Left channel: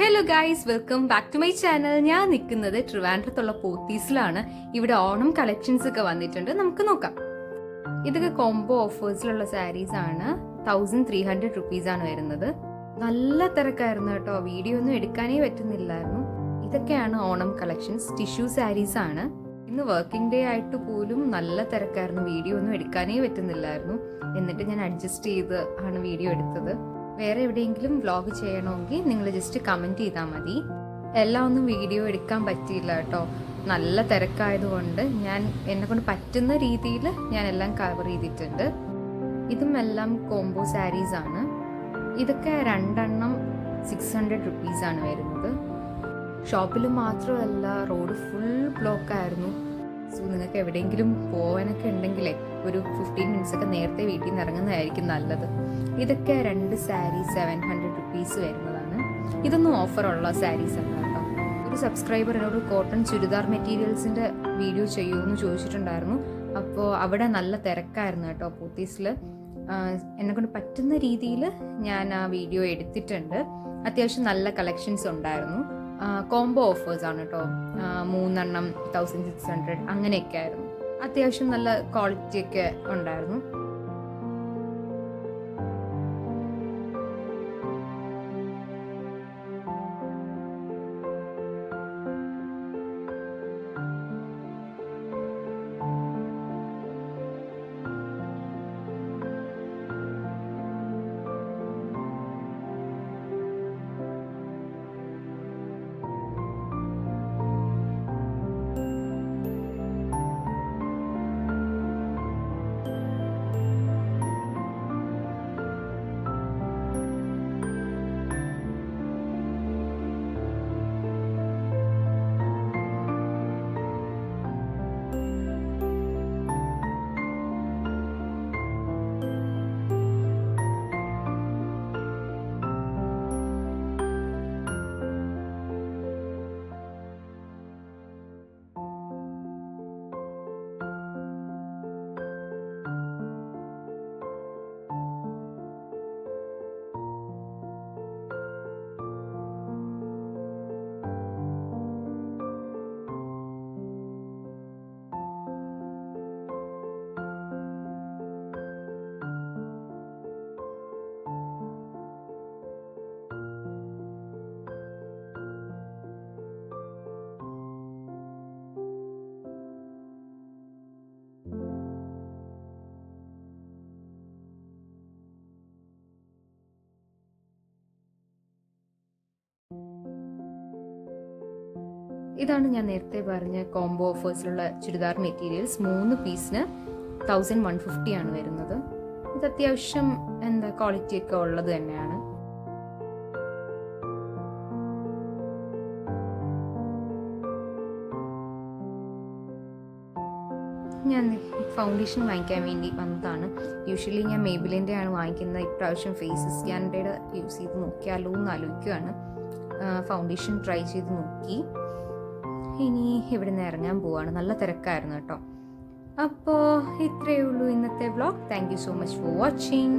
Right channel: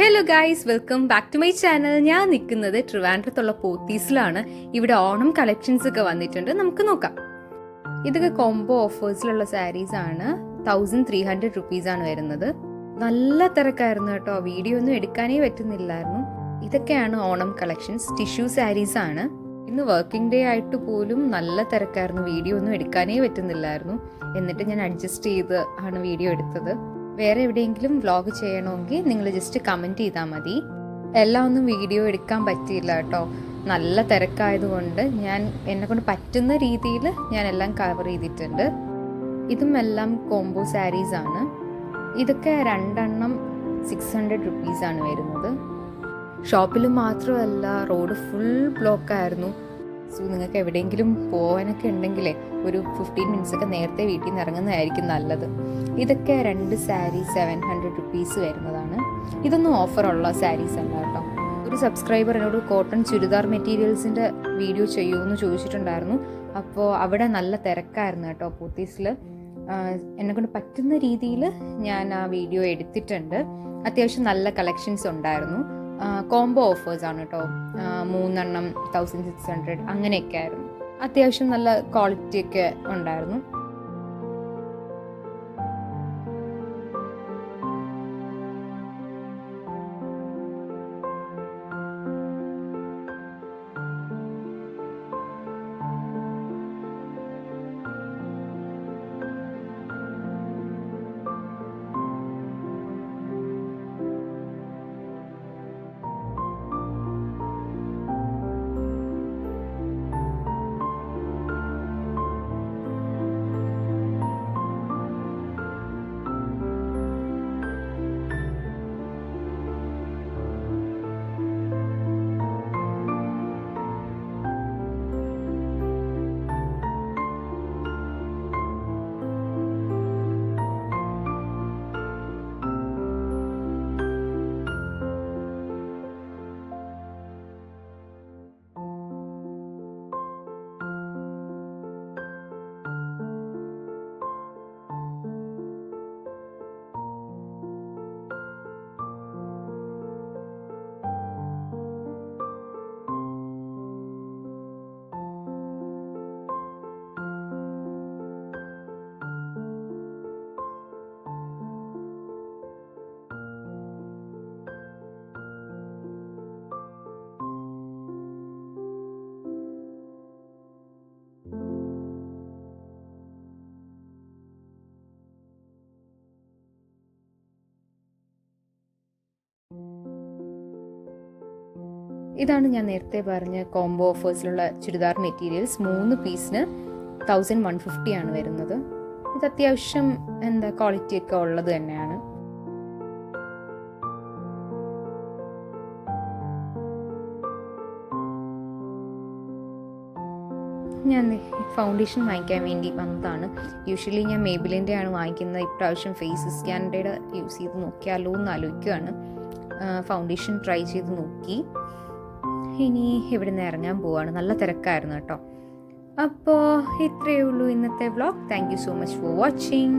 Hello guys, welcome back to my channel. ഞാൻ നിൽക്കുന്നത് ട്രിവാൻഡ്രത്തുള്ള പോത്തീസിലാണ്. ഇവിടെ ഓണം കളക്ഷൻസ് ഒക്കെ വന്നിട്ടുണ്ട്, നമുക്ക് നോക്കാം. ഇതൊക്കെ കോംബോ ഓഫേഴ്സിലുള്ള സാരീസ് ആണ്. 1300 റുപ്പീസ് ആണ് വരുന്നത്. നല്ല തിരക്കായിരുന്നു കേട്ടോ, വീഡിയോ ഒന്നും എടുക്കാനേ പറ്റുന്നില്ലായിരുന്നു. ഇതൊക്കെയാണ് ഓണം കളക്ഷൻസ്. ടിഷ്യൂ സാരീസ് ആണ്. ഇന്ന് വർക്കിംഗ് ഡേ ആയിട്ട് പോലും നല്ല തിരക്കായിരുന്നു, വീഡിയോ ഒന്നും എടുക്കാനേ പറ്റുന്നില്ലായിരുന്നു. എന്നിട്ട് ഞാൻ അഡ്ജസ്റ്റ് ചെയ്ത് ആണ് വീഡിയോ എടുത്തത്. വേറെ എവിടെയെങ്കിലും വ്ളോഗ് ചെയ്യണമെങ്കിൽ നിങ്ങൾ ജസ്റ്റ് കമൻറ്റ് ചെയ്താൽ മതി. എല്ലാം ഒന്നും വീഡിയോ എടുക്കാൻ പറ്റിയില്ല കേട്ടോ, നല്ല തിരക്കായതുകൊണ്ട് ഞാൻ എന്നെക്കൊണ്ട് പറ്റുന്ന രീതിയിൽ ഞാൻ എല്ലാം കവർ ചെയ്തിട്ടുണ്ട്. ഇതും എല്ലാം കോംബോ സാരീസ് ആണ്. ഇതൊക്കെ 2 600 റുപ്പീസ് ആണ് വരുന്നത്. ഷോപ്പിൽ മാത്രമല്ല, റോഡ് ഫുൾ ബ്ലോക്ക് ആയിരുന്നു. സോ നിങ്ങൾക്ക് എവിടെയെങ്കിലും പോകാനൊക്കെ ഉണ്ടെങ്കിലേ ഒരു 15 മിനിറ്റ്സ് ഒക്കെ നേരത്തെ വീട്ടിൽ നിന്ന് ഇറങ്ങുന്നതായിരിക്കും നല്ലത്. ഇതൊക്കെ 2 സാരി 700 റുപ്പീസ് വരുന്നതാണ്. ഇതൊന്നും ഓഫറുള്ള സാരീസ് അല്ല കേട്ടോ. ഒരു സബ്സ്ക്രൈബർ എന്നോട് കോട്ടൺ ചുരിദാർ മെറ്റീരിയൽസിൻ്റെ വീഡിയോ ചെയ്യുമെന്ന് ചോദിച്ചിട്ടുണ്ടായിരുന്നു. അപ്പോൾ അവിടെ നല്ല തിരക്കായിരുന്നു കേട്ടോ പോത്തീസിൽ. എന്നെക്കൊണ്ട് പറ്റുന്ന രീതിയിൽ ഞാൻ ആ വീഡിയോ എടുത്തിട്ടുണ്ട്. അത്യാവശ്യം നല്ല കളക്ഷൻസ് ഉണ്ടായിരുന്നു. കോംബോ ഓഫേഴ്സ് ആണ് കേട്ടോ. 3 1600 അങ്ങനെയൊക്കെ ആയിരുന്നു. അത്യാവശ്യം നല്ല ക്വാളിറ്റി ഒക്കെ ഉണ്ടായിരുന്നു. ഇതാണ് ഞാൻ നേരത്തെ പറഞ്ഞ കോംബോ ഓഫേഴ്സിലുള്ള ചുരിദാർ മെറ്റീരിയൽസ്. 3 പീസിന് 1150 ആണ് വരുന്നത്. ഇത് അത്യാവശ്യം ക്വാളിറ്റി ഒക്കെ ഉള്ളത് തന്നെയാണ്. ഞാൻ ഫൗണ്ടേഷൻ വാങ്ങിക്കാൻ വേണ്ടി വന്നതാണ്. യൂഷ്വലി ഞാൻ മേബിലിൻ്റെ ആണ് വാങ്ങിക്കുന്നത്. ഇപ്രാവശ്യം ഫേസ് സ്കാനിൻ്റെ യൂസ് ചെയ്ത് നോക്കിയാലോ എന്ന് ആലോചിക്കുകയാണ്. ഫൗണ്ടേഷൻ ട്രൈ ചെയ്ത് നോക്കി. ഇനി ഇവിടെ നിന്ന് ഇറങ്ങാൻ പോവാണ്. നല്ല തിരക്കായിരുന്നു കേട്ടോ. അപ്പോൾ ഇത്രയേ ഉള്ളൂ ഇന്നത്തെ vlog. Thank you so much for watching.